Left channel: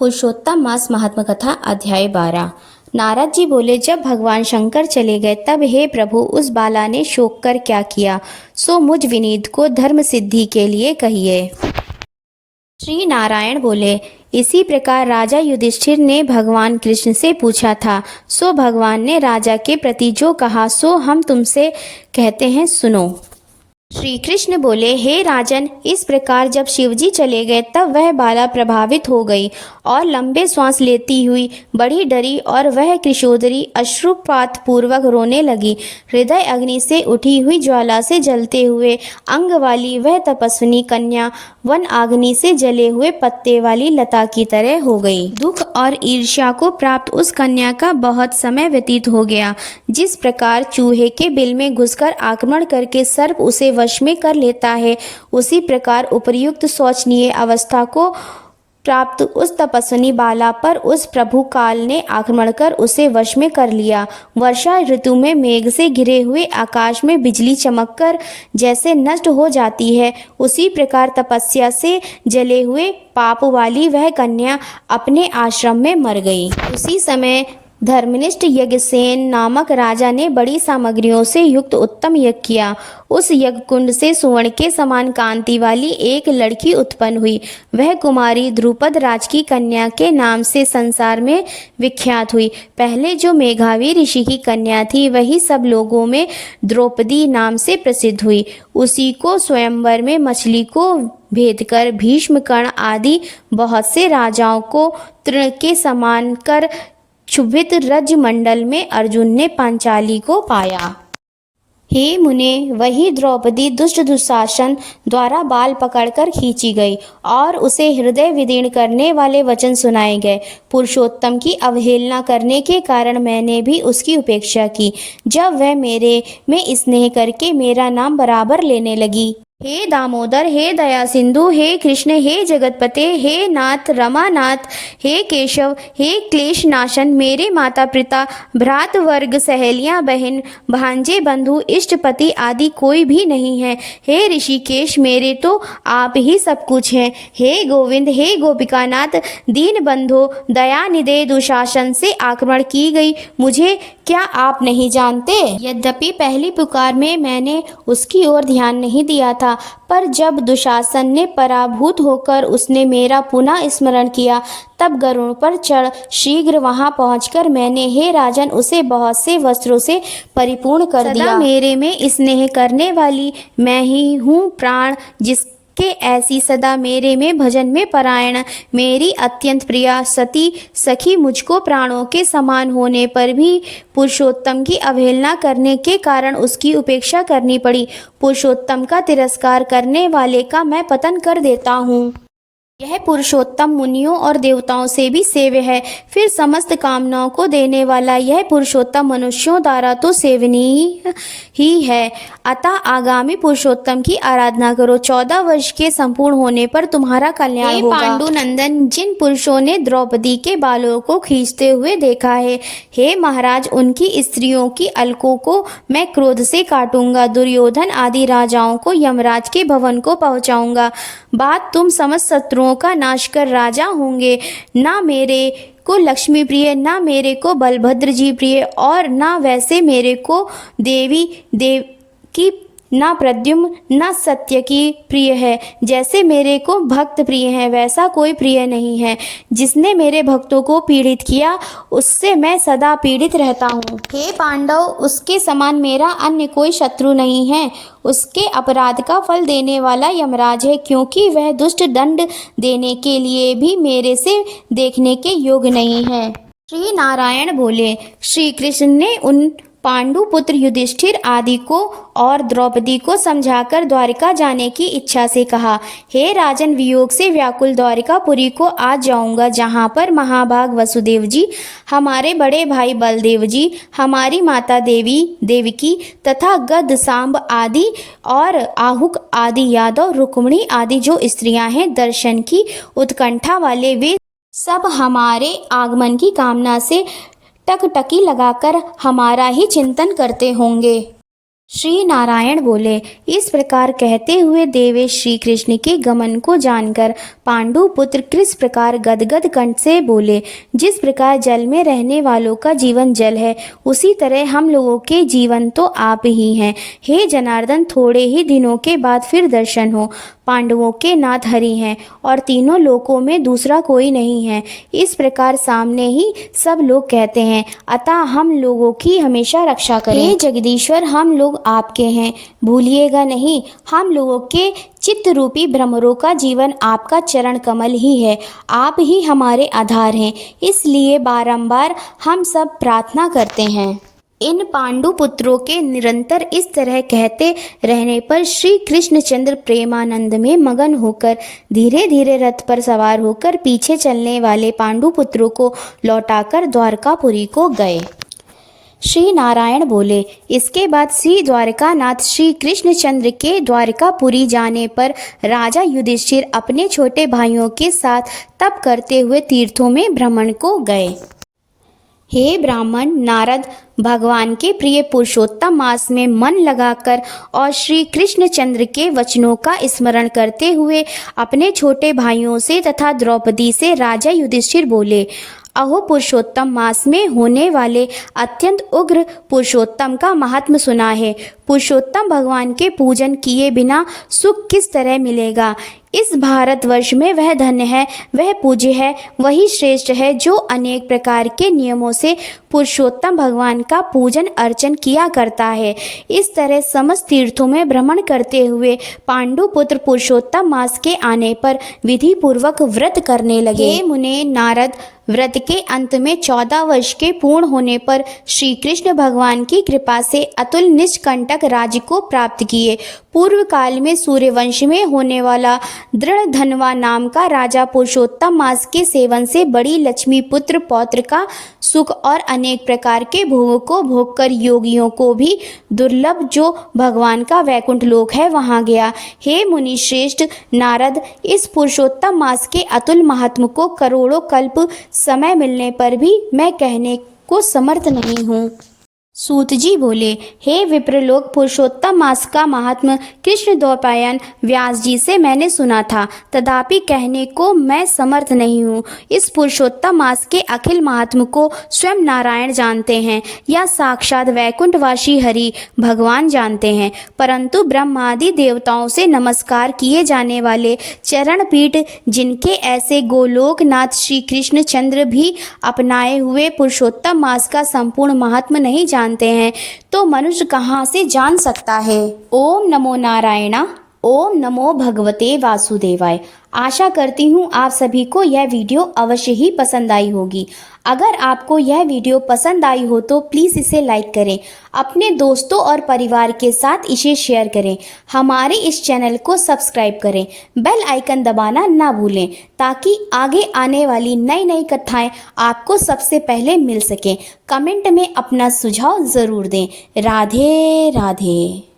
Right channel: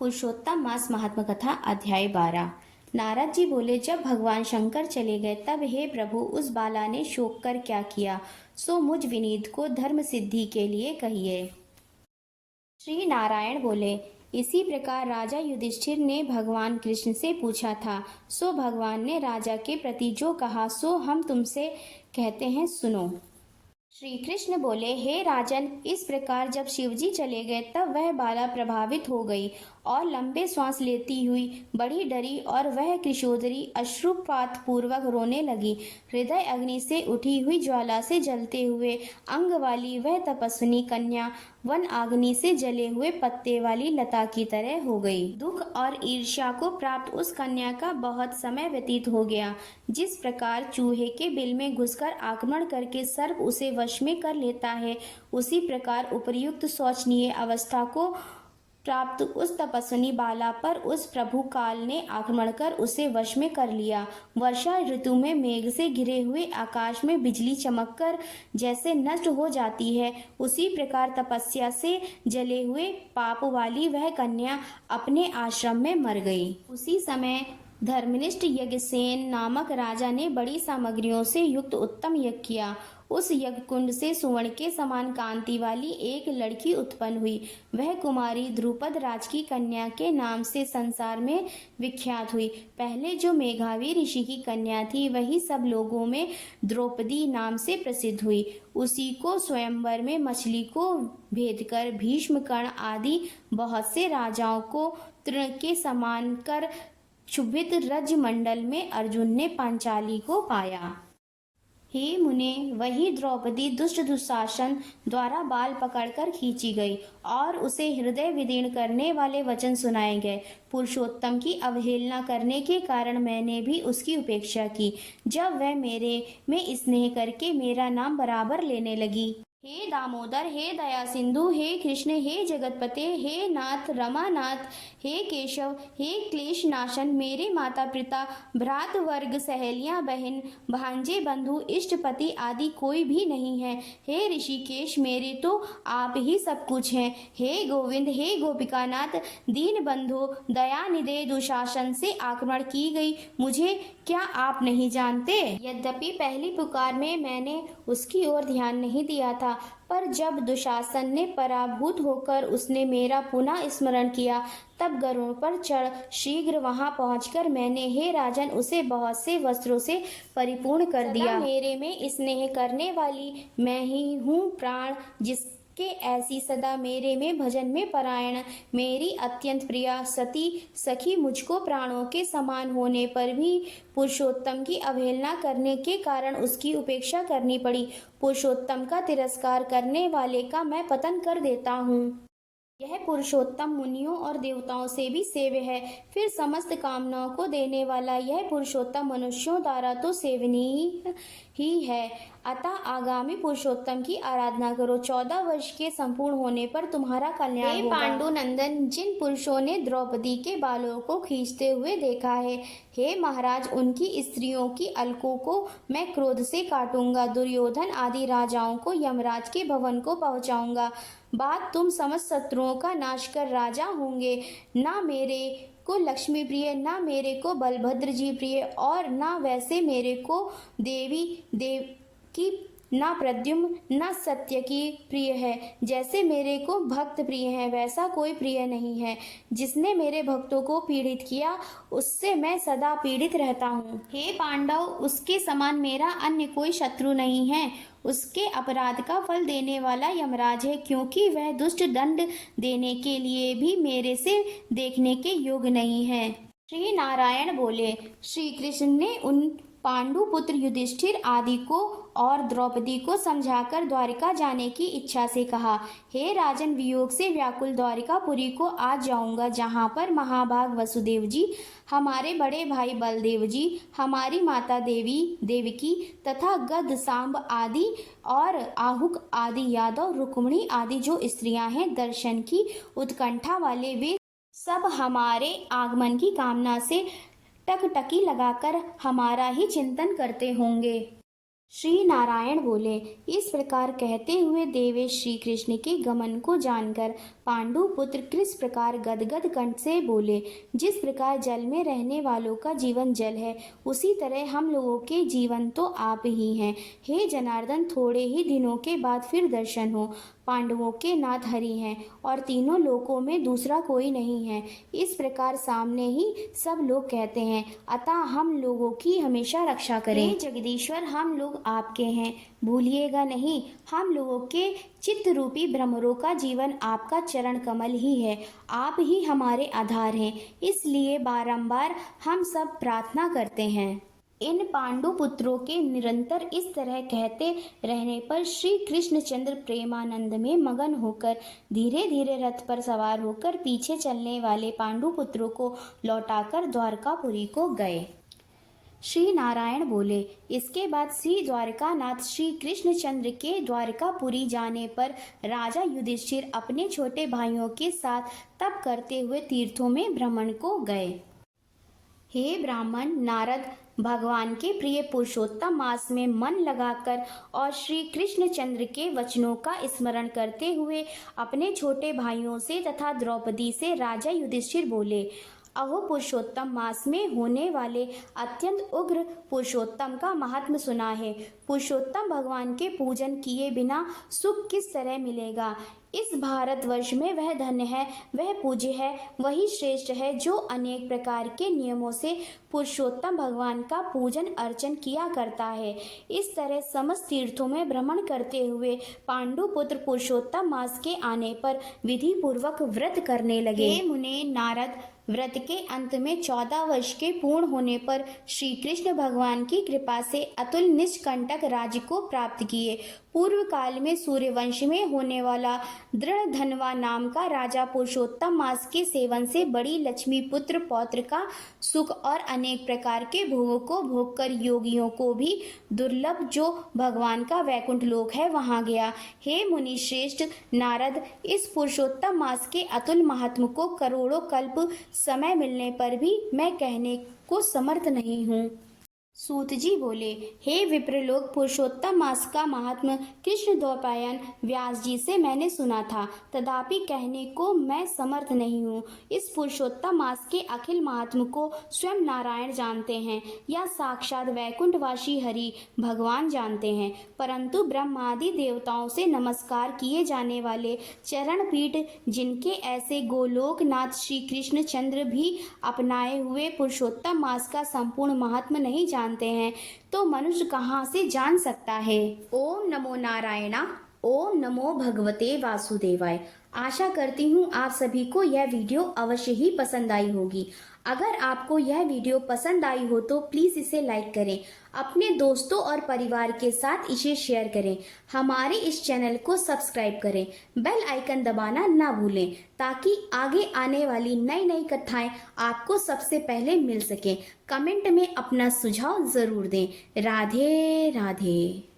पुरुषोत्तम मास महात्म कथा अध्याय 12। नारद जी बोले, जब भगवान शंकर चले गए तब हे प्रभु, उस बाला ने शोक कर क्या किया, सो मुझ विनीत को धर्म सिद्धि के लिए कहिए। श्री नारायण बोले, इसी प्रकार राजा युधिष्ठिर ने भगवान कृष्ण से पूछा था, सो भगवान ने राजा के प्रति जो कहा सो हम तुमसे कहते हैं, सुनो। श्री कृष्ण बोले, हे राजन, इस प्रकार जब शिवजी चले गए तब वह बाला प्रभावित हो गई और लंबे श्वास लेती हुई बड़ी डरी और वह कृशोदरी अश्रुपात पूर्वक रोने लगी। हृदय अग्नि से उठी हुई ज्वाला से जलते हुए अंग वाली वह तपस्विनी कन्या वन अग्नि से जले हुए पत्ते वाली लता की तरह हो गई। दुख और ईर्ष्या को प्राप्त उस कन्या का बहुत समय व्यतीत हो गया। जिस प्रकार चूहे के बिल में घुसकर आक्रमण करके सर्प उसे वश में कर लेता है, उसी प्रकार उपर्युक्त शोचनीय अवस्था को प्राप्त उस तपस्विनी बाला पर उस प्रभु काल ने आक्रमण कर उसे वश में कर लिया। वर्षा ऋतु में मेघ से घिरे हुए आकाश में बिजली चमककर जैसे नष्ट हो जाती है, उसी प्रकार तपस्या से जले हुए पाप वाली वह कन्या अपने आश्रम में मर गई। उसी समय धर्मनिष्ठ यज्ञसेन नामक राजा ने बड़ी सामग्रियों से युक्त उत्तम यज्ञ किया। उस यज्ञ कुंड से सुवर्ण के समान कांति वाली एक लड़की उत्पन्न हुई। वह कुमारी द्रुपद राज की कन्या के नाम से संसार में विख्यात हुई। पहले जो मेघावी ऋषि की कन्या थी वही सब लोगों में द्रौपदी नाम से प्रसिद्ध हुई। उसी को स्वयंवर में मछली को भेद कर भीष्म कर्ण आदि बहुत से राजाओं को तृण के समान कर क्षुभित रजमंडल में अर्जुन ने पांचाली को पाया। हे मुने, वही द्रौपदी दुष्ट दुशासन द्वारा बाल पकड़कर खींची गई और उसे हृदय विदीर्ण करने वाले वचन सुनाए गए। पुरुषोत्तम की अवहेलना करने के कारण मैंने भी उसकी उपेक्षा की। जब वह मेरे में स्नेह करके मेरा नाम बराबर लेने लगी, हे दामोदर, हे दया सिंधु, हे कृष्ण, हे जगतपते, हे नाथ रमानाथ, हे केशव, हे क्लेश नाशन, मेरे माता पिता भ्रात वर्ग सहेलियां बहन भांजे बंधु इष्टपति आदि कोई भी नहीं है। हे ऋषिकेश, मेरे तो आप ही सब कुछ हैं। हे गोविंद, हे गोपिकानाथ, दीन बंधो दया निधे दुशासन से आक्रमण की गई मुझे क्या आप नहीं जानते? यद्यपि पहली पुकार में मैंने उसकी ओर ध्यान नहीं दिया था, पर जब दुशासन ने पराभूत होकर उसने मेरा पुनः स्मरण किया तब गरुड़ पर चढ़ शीघ्र वहां पहुंचकर मैंने, हे राजन, उसे बहुत से वस्त्रों से परिपूर्ण कर दिया। मेरे में स्नेह करने वाली मैं ही हूँ प्राण, जिसके ऐसी सदा मेरे में भजन में परायण मेरी अत्यंत प्रिया सती सखी मुझको प्राणों के समान होने पर भी पुरुषोत्तम की अवहेलना करने के कारण उसकी उपेक्षा करनी पड़ी। पुरुषोत्तम का तिरस्कार करने वाले का मैं पतन कर देता हूँ। यह पुरुषोत्तम मुनियों और देवताओं से भी सेव्य है। फिर समस्त कामनाओं को देने वाला यह पुरुषोत्तम मनुष्यों द्वारा तो सेवनीय ही है। अतः आगामी पुरुषोत्तम की आराधना करो। 14 वर्ष के संपूर्ण होने पर तुम्हारा कल्याण होगा। पांडु नंदन, जिन पुरुषों ने द्रौपदी के बालों को खींचते हुए देखा है, हे महाराज, उनकी स्त्रियों की अलकों को मैं क्रोध से काटूंगा। दुर्योधन आदि राजाओं को यमराज के भवन को पहुंचाऊंगा। बात तुम समस्त शत्रुओं का नाश कर राजा होंगे। ना मेरे को लक्ष्मी प्रिय, ना मेरे को बलभद्र जी प्रिय, और ना वैसे मेरे को देवी देव की, ना प्रद्युम्न, ना सत्य की प्रिय है। जैसे मेरे को भक्त प्रिय है वैसा कोई प्रिय नहीं है। जिसने मेरे भक्तों को पीड़ित किया उससे मैं सदा पीड़ित रहता हूँ। हे पांडव, उसके समान मेरा अन्य कोई शत्रु नहीं है। उसके अपराध का फल देने वाला यमराज है, क्योंकि वह दुष्ट दंड देने के लिए भी मेरे से देखने के योग्य नहीं है। श्री नारायण बोले, श्री कृष्ण ने उन पांडु पुत्र युधिष्ठिर आदि को और द्रौपदी को समझाकर द्वारिका जाने की इच्छा से कहा, हे राजन, वियोग से व्याकुल द्वारिकापुरी को आज जाऊंगा, जहाँ पर महाभाग वसुदेव जी, हमारे बड़े भाई बलदेव जी, हमारी माता देवी देवकी तथा गद सांब आदि और आहुक आदि यादव रुक्मिणी आदि जो स्त्रियां हैं, दर्शन की उत्कंठा वाले वे सब हमारे आगमन की कामना से टकटकी लगाकर हमारा ही चिंतन करते होंगे। श्री नारायण बोले। इस प्रकार कहते हुए देवेश श्री कृष्ण के गमन को जानकर पांडु पुत्र किस प्रकार गदगद कंठ से बोले, जिस प्रकार जल में रहने वालों का जीवन जल है, उसी तरह हम लोगों के जीवन तो आप ही हैं। हे जनार्दन, थोड़े ही दिनों के बाद फिर दर्शन हो। पांडवों के नाथ हरि हैं और तीनों लोकों में दूसरा कोई नहीं है। इस प्रकार सामने ही सब लोग कहते हैं, अतः हम लोगों की हमेशा रक्षा करें। हे जगदीश्वर, हम लोग आपके हैं, भूलिएगा नहीं। हम लोगों के चित्त रूपी भ्रमरों का जीवन आपका चरण कमल ही है। आप ही हमारे आधार हैं, इसलिए बारंबार हम सब प्रार्थना करते हैं। इन पांडु पुत्रों के निरंतर इस तरह कहते रहने पर श्री कृष्णचंद्र प्रेमानंद में मगन होकर धीरे धीरे रथ पर सवार होकर पीछे चलने वाले पांडु पुत्रों को लौटाकर द्वारकापुरी को गए। श्री नारायण बोले। इसके बाद श्री द्वारकानाथ श्री कृष्णचंद्र के द्वारकापुरी जाने पर राजा युधिष्ठिर अपने छोटे भाइयों के साथ तप करते हुए तीर्थों में भ्रमण को गए। हे ब्राह्मण, नारद भगवान के प्रिय पुरुषोत्तम मास में मन लगाकर और श्री कृष्णचंद्र के वचनों का स्मरण करते हुए अपने छोटे भाइयों से तथा द्रौपदी से राजा युधिष्ठिर बोले, अहो, पुरुषोत्तम मास में होने वाले अत्यंत उग्र पुरुषोत्तम का महात्म सुना है। पुरुषोत्तम भगवान के पूजन किए बिना सुख किस तरह मिलेगा। इस भारतवर्ष में वह धन्य है, वह पूज्य है, वही श्रेष्ठ है जो अनेक प्रकार के नियमों से पुरुषोत्तम भगवान का पूजन अर्चन किया करता है। इस तरह समस्त तीर्थों में भ्रमण करते हुए पांडु पुत्र पुरुषोत्तम मास के आने पर विधि पूर्वक व्रत करने लगे। हे मुने नारद, व्रत के अंत में 14 वर्ष के पूर्ण होने पर श्री कृष्ण भगवान की कृपा से अतुल निष्कंटक राज्य को प्राप्त किए। पूर्व काल में सूर्यवंश में होने वाला दृढ़ धनवा नाम का राजा पुरुषोत्तम मास के सेवन से बड़ी लक्ष्मी पुत्र पौत्र का सुख और अनेक प्रकार के भोगों को भोग कर योगियों को भी दुर्लभ जो भगवान का वैकुंठ लोक है वहां गया। हे मुनि श्रेष्ठ नारद, इस पुरुषोत्तम मास के अतुल महात्म को करोड़ों कल्प समय मिलने पर भी मैं कहने को समर्थ नहीं हूँ। सूत जी बोले, हे विप्रलोक, पुरुषोत्तम मास का महात्म कृष्ण द्वैपायन व्यास जी से मैंने सुना था, तथापि कहने को मैं समर्थ नहीं हूँ। इस पुरुषोत्तम मास के अखिल महात्म को स्वयं नारायण जानते हैं या साक्षात वैकुंठवासी हरि भगवान जानते हैं, परंतु ब्रह्मादि देवताओं से नमस्कार किए जाने वाले चरण पीठ जिनके ऐसे गोलोकनाथ श्री कृष्णचंद्र भी अपनाए हुए पुरुषोत्तम मास का संपूर्ण महात्म नहीं जानते हैं, तो मनुष्य कहाँ से जान सकता है। ओम नमो नारायणा, ओम नमो भगवते वासुदेवाय। आशा करती हूँ आप सभी को यह वीडियो अवश्य ही पसंद आई होगी। अगर आपको यह वीडियो पसंद आई हो तो प्लीज़ इसे लाइक करें, अपने दोस्तों और परिवार के साथ इसे शेयर करें, हमारे इस चैनल को सब्सक्राइब करें, बेल आइकन दबाना ना भूलें ताकि आगे आने वाली नई नई कथाएं आपको सबसे पहले मिल सकें। कमेंट में अपना सुझाव ज़रूर दें। राधे राधे।